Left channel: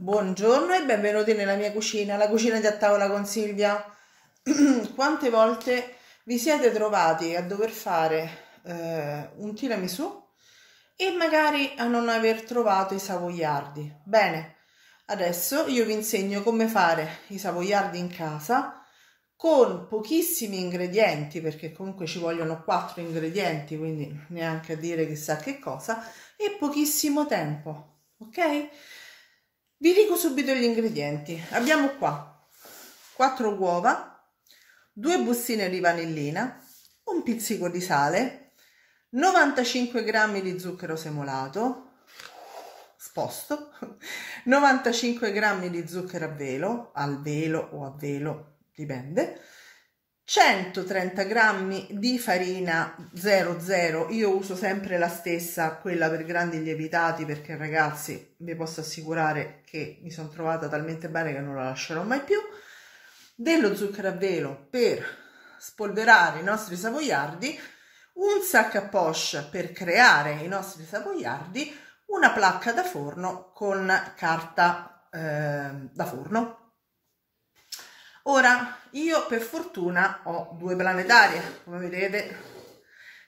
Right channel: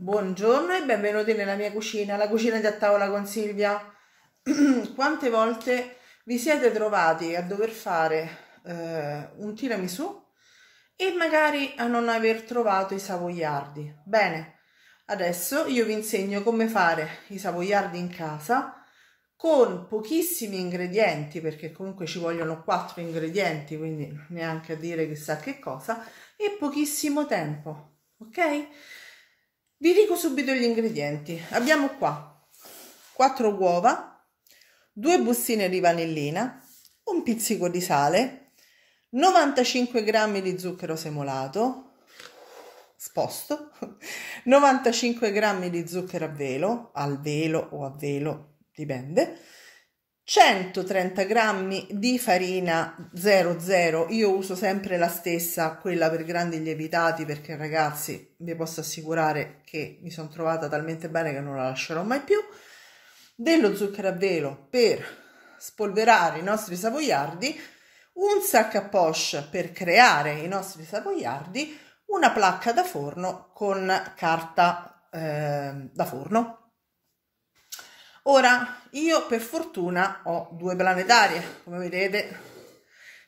Buongiorno e benvenuti nella mia cucina, la cucina di A Tavola con Silvia. Quante volte vi siete trovati a dover fare un tiramisù e magari a non aver trovato i savoiardi? Bene, adesso io vi insegno come fare i savoiardi in casa con pochissimi ingredienti, perché comunque ci vogliono 4 ingredienti, quindi neanche a dire chissà che cosa, e pochissimo tempo, ok? Vi dico subito gli ingredienti. Abbiamo qua 4 uova, 2 bustine di vanillina, un pizzico di sale, 95 grammi di zucchero semolato, sposto, 95 grammi di zucchero al velo o a velo, dipende, 130 grammi di farina 00, io uso sempre la stessa, quella per grandi lievitati, perché ragazzi vi posso assicurare che mi sono trovata talmente bene che non la lascerò mai più, dello zucchero a velo per spolverare i nostri savoiardi, un sac à poche per creare i nostri savoiardi, una placca da forno con carta da forno. Ora, io per fortuna ho 2 planetarie, come vedete,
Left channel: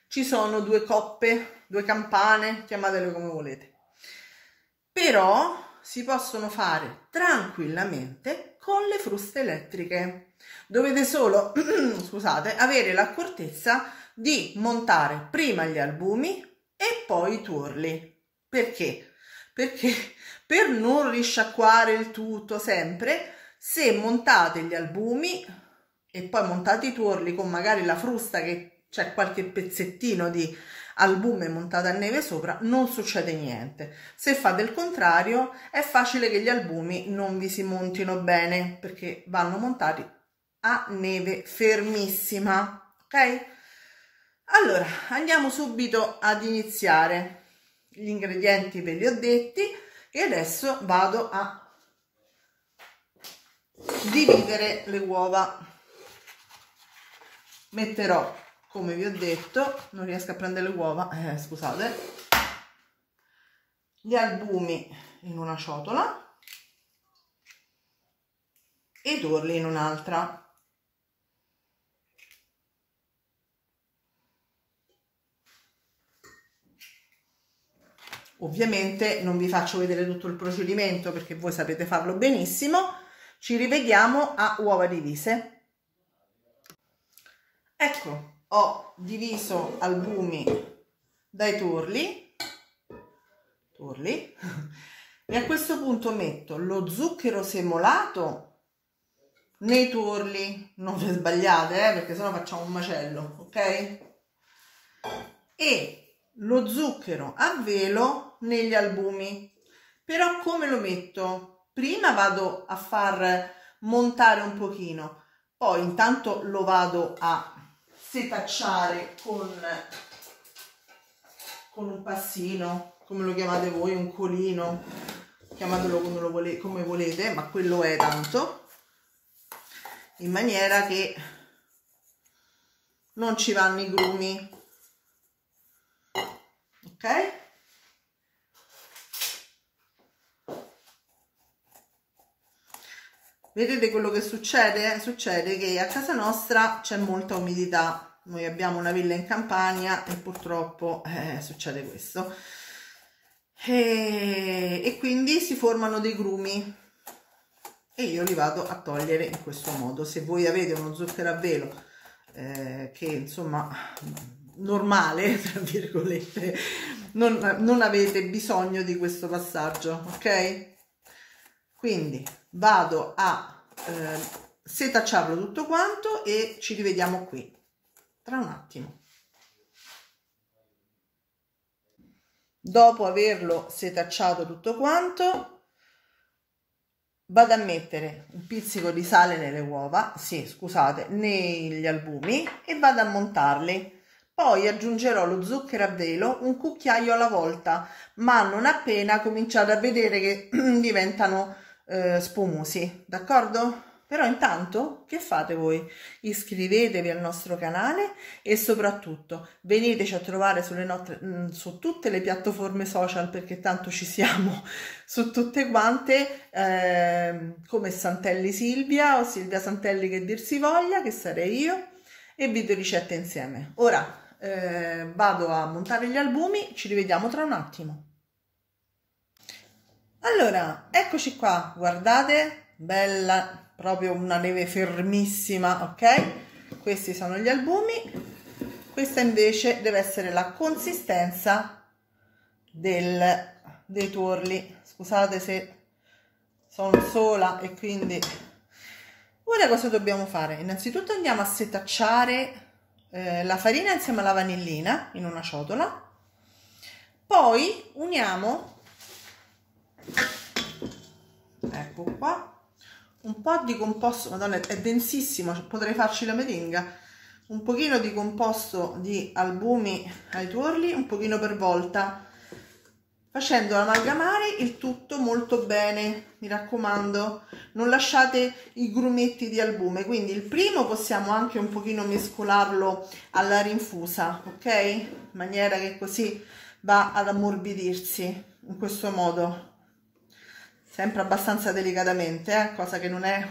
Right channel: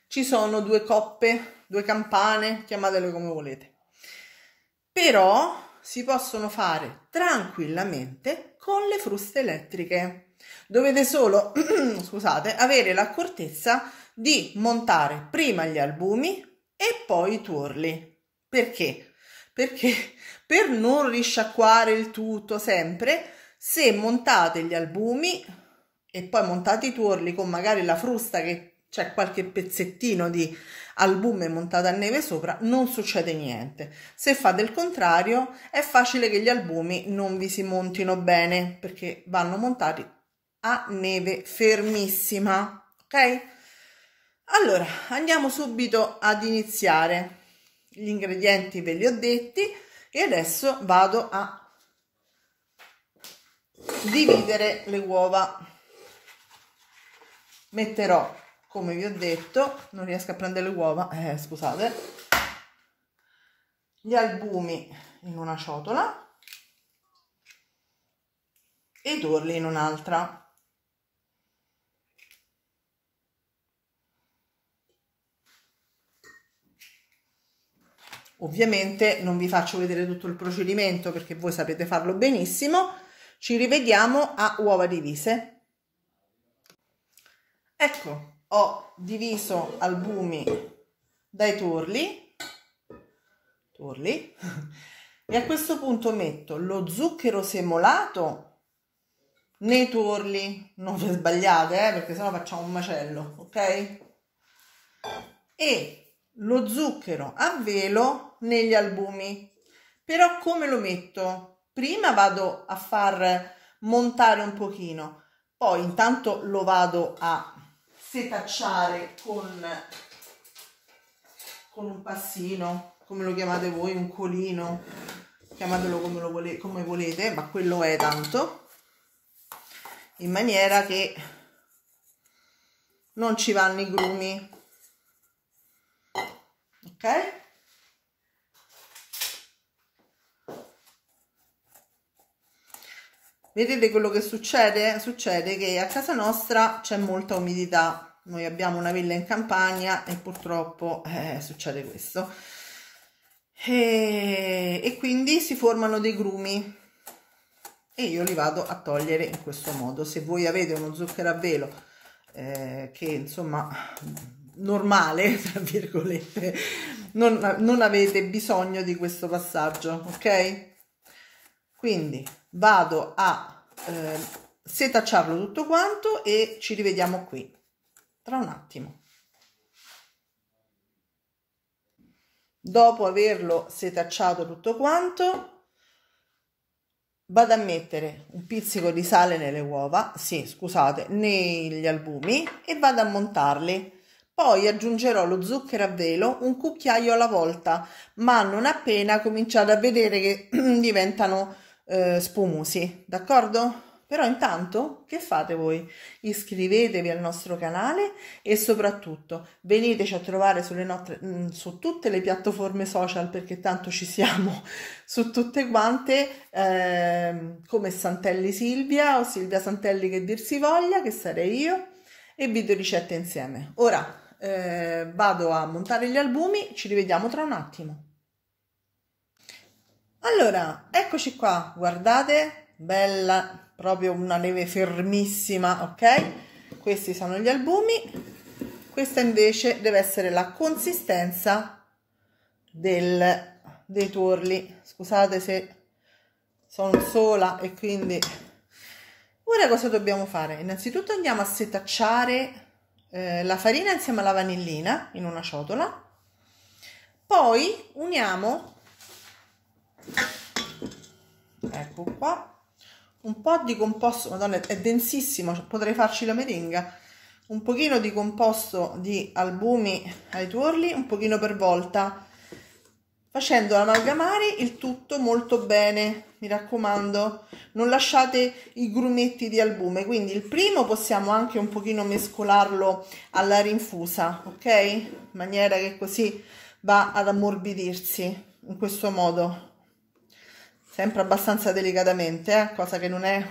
ci sono 2 coppe, 2 campane, chiamatele come volete, però si possono fare tranquillamente con le fruste elettriche. Dovete solo, scusate, avere l'accortezza di montare prima gli albumi e poi i tuorli. Perché? Perché per non risciacquare il tutto sempre, se montate gli albumi e poi montate i tuorli con magari la frusta che c'è qualche pezzettino di albume montato a neve sopra, non succede niente. Se fate il contrario, è facile che gli albumi non vi si montino bene, perché vanno montati a neve fermissima, ok? Allora, andiamo subito ad iniziare. Gli ingredienti ve li ho detti e adesso vado a dividere le uova. Metterò, come vi ho detto, non riesco a prendere le uova, scusate, gli albumi in una ciotola e i tuorli in un'altra. Ovviamente non vi faccio vedere tutto il procedimento perché voi sapete farlo benissimo. Ci rivediamo a uova divise. Ecco, ho diviso albumi dai tuorli e a questo punto metto lo zucchero semolato nei tuorli, non vi sbagliate perché sennò facciamo un macello, ok? E lo zucchero a velo negli albumi. Però come lo metto? Prima vado a far montare un pochino, poi intanto lo vado a setacciare con un passino, come lo chiamate voi, un colino, chiamatelo come volete, ma quello è tanto, in maniera che non ci vanno i grumi, ok? Vedete quello che succede? Succede che a casa nostra c'è molta umidità, noi abbiamo una villa in campagna e purtroppo succede questo, e quindi si formano dei grumi e io li vado a togliere in questo modo. Se voi avete uno zucchero a velo che insomma normale, tra virgolette, non avete bisogno di questo passaggio, ok? Quindi vado a setacciarlo tutto quanto e ci rivediamo qui tra un attimo. Dopo averlo setacciato tutto quanto, vado a mettere un pizzico di sale nelle uova, sì, scusate, negli albumi, e vado a montarli. Poi aggiungerò lo zucchero a velo, un cucchiaio alla volta, ma non appena cominciate a vedere che diventano spumosi, d'accordo? Però intanto che fate voi? Iscrivetevi al nostro canale e soprattutto veniteci a trovare su tutte le piattaforme social, perché tanto ci siamo su tutte quante, come Santelli Silvia o Silvia Santelli che dir si voglia, che sarei io, e video ricette insieme. Ora vado a montare gli albumi, ci rivediamo tra un attimo. Allora, eccoci qua, guardate, bella, proprio una neve fermissima, ok? Questi sono gli albumi, questa invece deve essere la consistenza dei tuorli. Scusate se sono sola e quindi... Ora cosa dobbiamo fare? Innanzitutto andiamo a setacciare la farina insieme alla vanillina in una ciotola, poi uniamo, ecco qua, un po' di composto, madonna è densissimo, potrei farci la meringa, un pochino di composto di albumi ai tuorli, un pochino per volta, facendo amalgamare il tutto molto bene. Mi raccomando, non lasciate i grumetti di albume, quindi il primo possiamo anche un pochino mescolarlo alla rinfusa, ok? In maniera che così va ad ammorbidirsi in questo modo, sempre abbastanza delicatamente, cosa che non è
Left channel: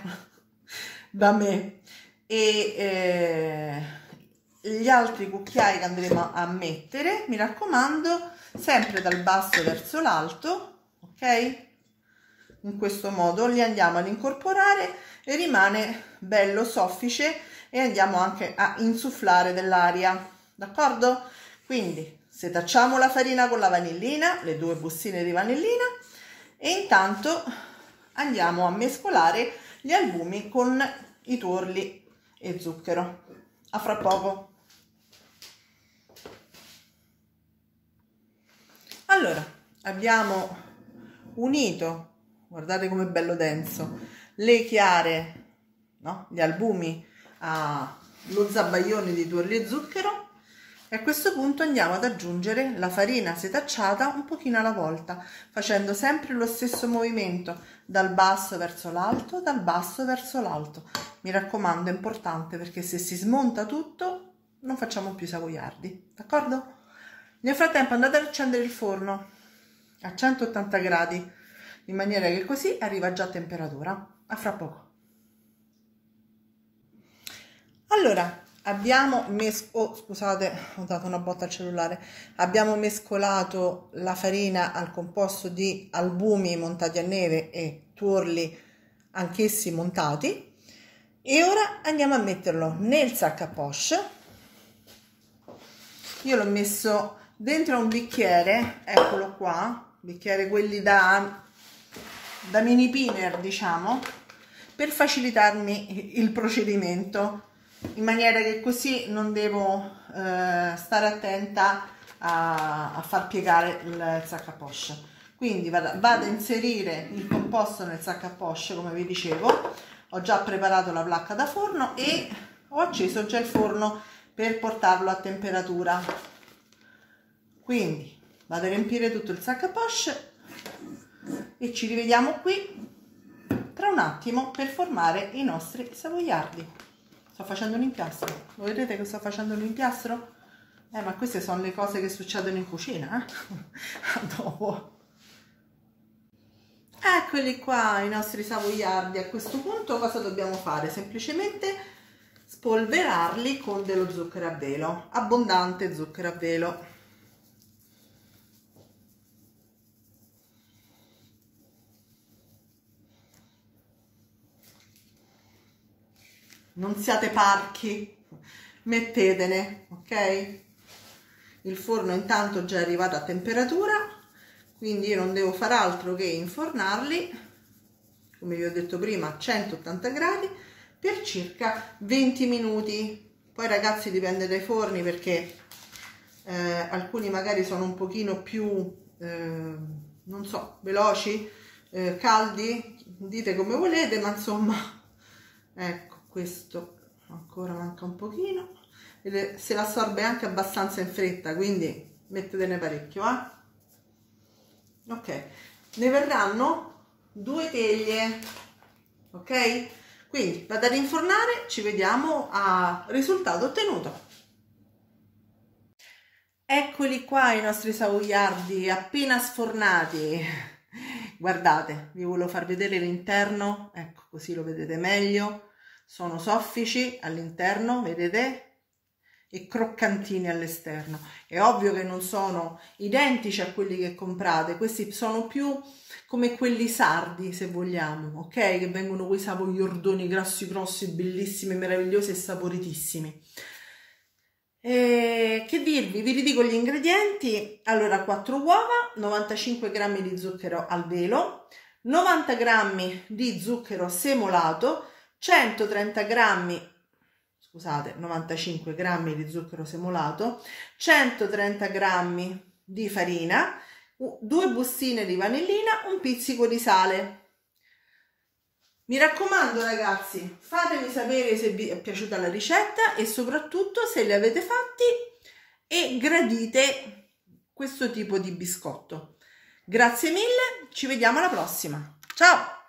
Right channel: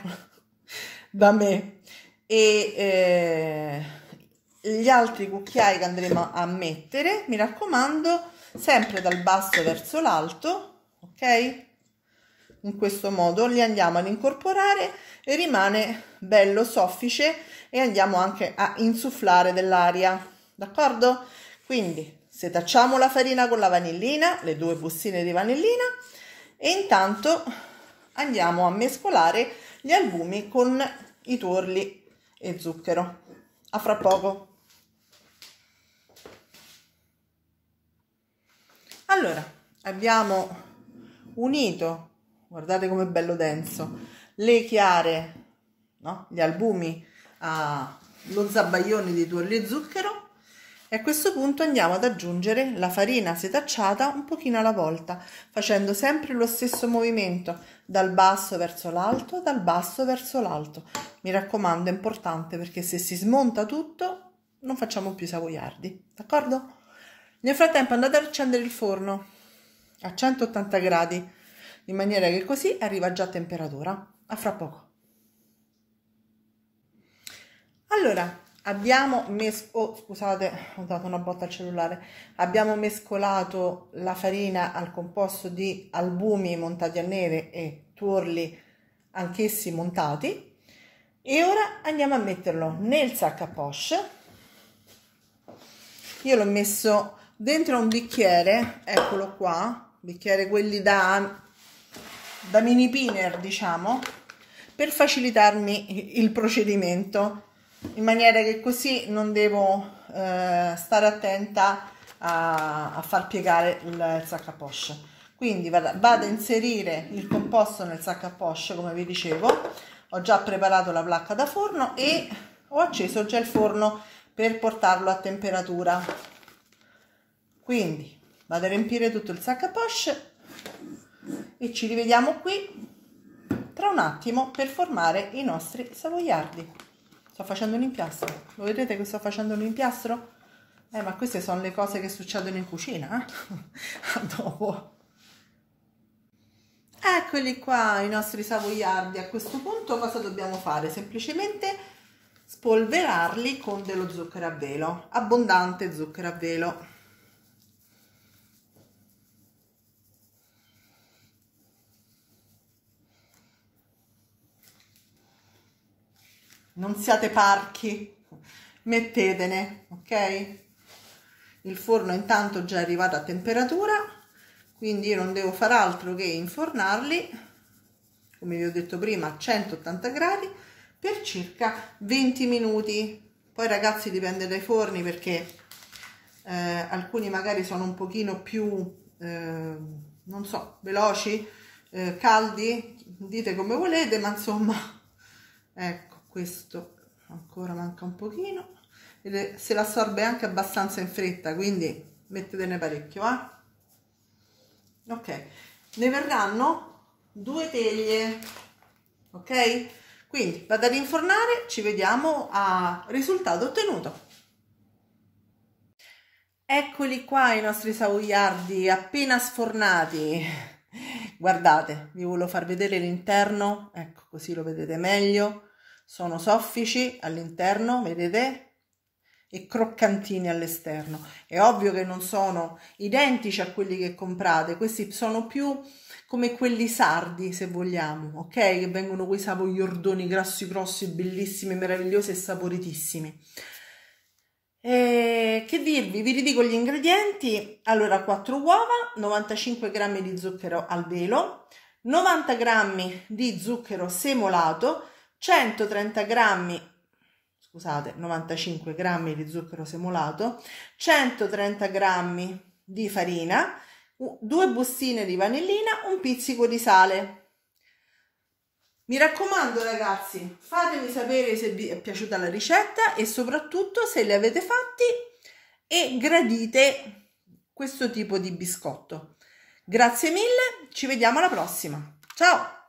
da me. E gli altri cucchiai che andremo a mettere, mi raccomando, sempre dal basso verso l'alto, ok? In questo modo li andiamo ad incorporare e rimane bello soffice e andiamo anche a insufflare dell'aria, d'accordo? Quindi setacciamo la farina con la vanillina, le 2 bustine di vanillina, e intanto andiamo a mescolare gli albumi con i tuorli e zucchero. A fra poco. Allora, abbiamo unito, guardate com'è bello denso, le chiare, no? Gli albumi allo zabaione di tuorli e zucchero, e a questo punto andiamo ad aggiungere la farina setacciata un pochino alla volta, facendo sempre lo stesso movimento, dal basso verso l'alto, dal basso verso l'alto. Mi raccomando, è importante, perché se si smonta tutto non facciamo più savoiardi, d'accordo? Nel frattempo andate ad accendere il forno a 180 gradi, in maniera che così arriva già a temperatura. A fra poco. Allora, abbiamo scusate, ho dato una botta al cellulare. Abbiamo mescolato la farina al composto di albumi montati a neve e tuorli anch'essi montati, e ora andiamo a metterlo nel sac à poche. Io l'ho messo dentro a un bicchiere, eccolo qua, bicchiere quelli da mini pinner, diciamo, per facilitarmi il procedimento, in maniera che così non devo stare attenta a far piegare il sac à poche. Quindi vado a inserire il composto nel sac à poche, come vi dicevo. Ho già preparato la placca da forno e ho acceso già il forno per portarlo a temperatura. Quindi vado a riempire tutto il sac à poche e ci rivediamo qui tra un attimo per formare i nostri savoiardi. Sto facendo un impiastro, lo vedete che sto facendo un impiastro? Ma queste sono le cose che succedono in cucina, a dopo. Eccoli qua i nostri savoiardi. A questo punto cosa dobbiamo fare? Semplicemente spolverarli con dello zucchero a velo, abbondante zucchero a velo. Non siate parchi, mettetene, ok? Il forno intanto già è arrivato a temperatura, quindi io non devo fare altro che infornarli, come vi ho detto prima, a 180 gradi per circa 20 minuti. Poi ragazzi dipende dai forni, perché alcuni magari sono un pochino più, non so, veloci, caldi, dite come volete, ma insomma, ecco. Questo ancora manca un pochino, se l'assorbe anche abbastanza in fretta, quindi mettetene parecchio, ok? Ne verranno 2 teglie, ok? Quindi vado a rinfornare, ci vediamo al risultato ottenuto. Eccoli qua i nostri savoiardi appena sfornati. Guardate, vi volevo far vedere l'interno, ecco, così lo vedete meglio. Sono soffici all'interno, vedete? E croccantini all'esterno. È ovvio che non sono identici a quelli che comprate, questi sono più come quelli sardi, se vogliamo, ok? Che vengono quei savoiardoni grossi, bellissimi, meravigliosi e saporitissimi. Che dirvi, vi ridico gli ingredienti. Allora, 4 uova, 95 g di zucchero al velo, 90 g di zucchero semolato, 130 g, scusate, 95 g di zucchero semolato, 130 g di farina, 2 bustine di vanillina, un pizzico di sale. Mi raccomando ragazzi, fatemi sapere se vi è piaciuta la ricetta e soprattutto se le avete fatti e gradite questo tipo di biscotto. Grazie mille, ci vediamo alla prossima. Ciao!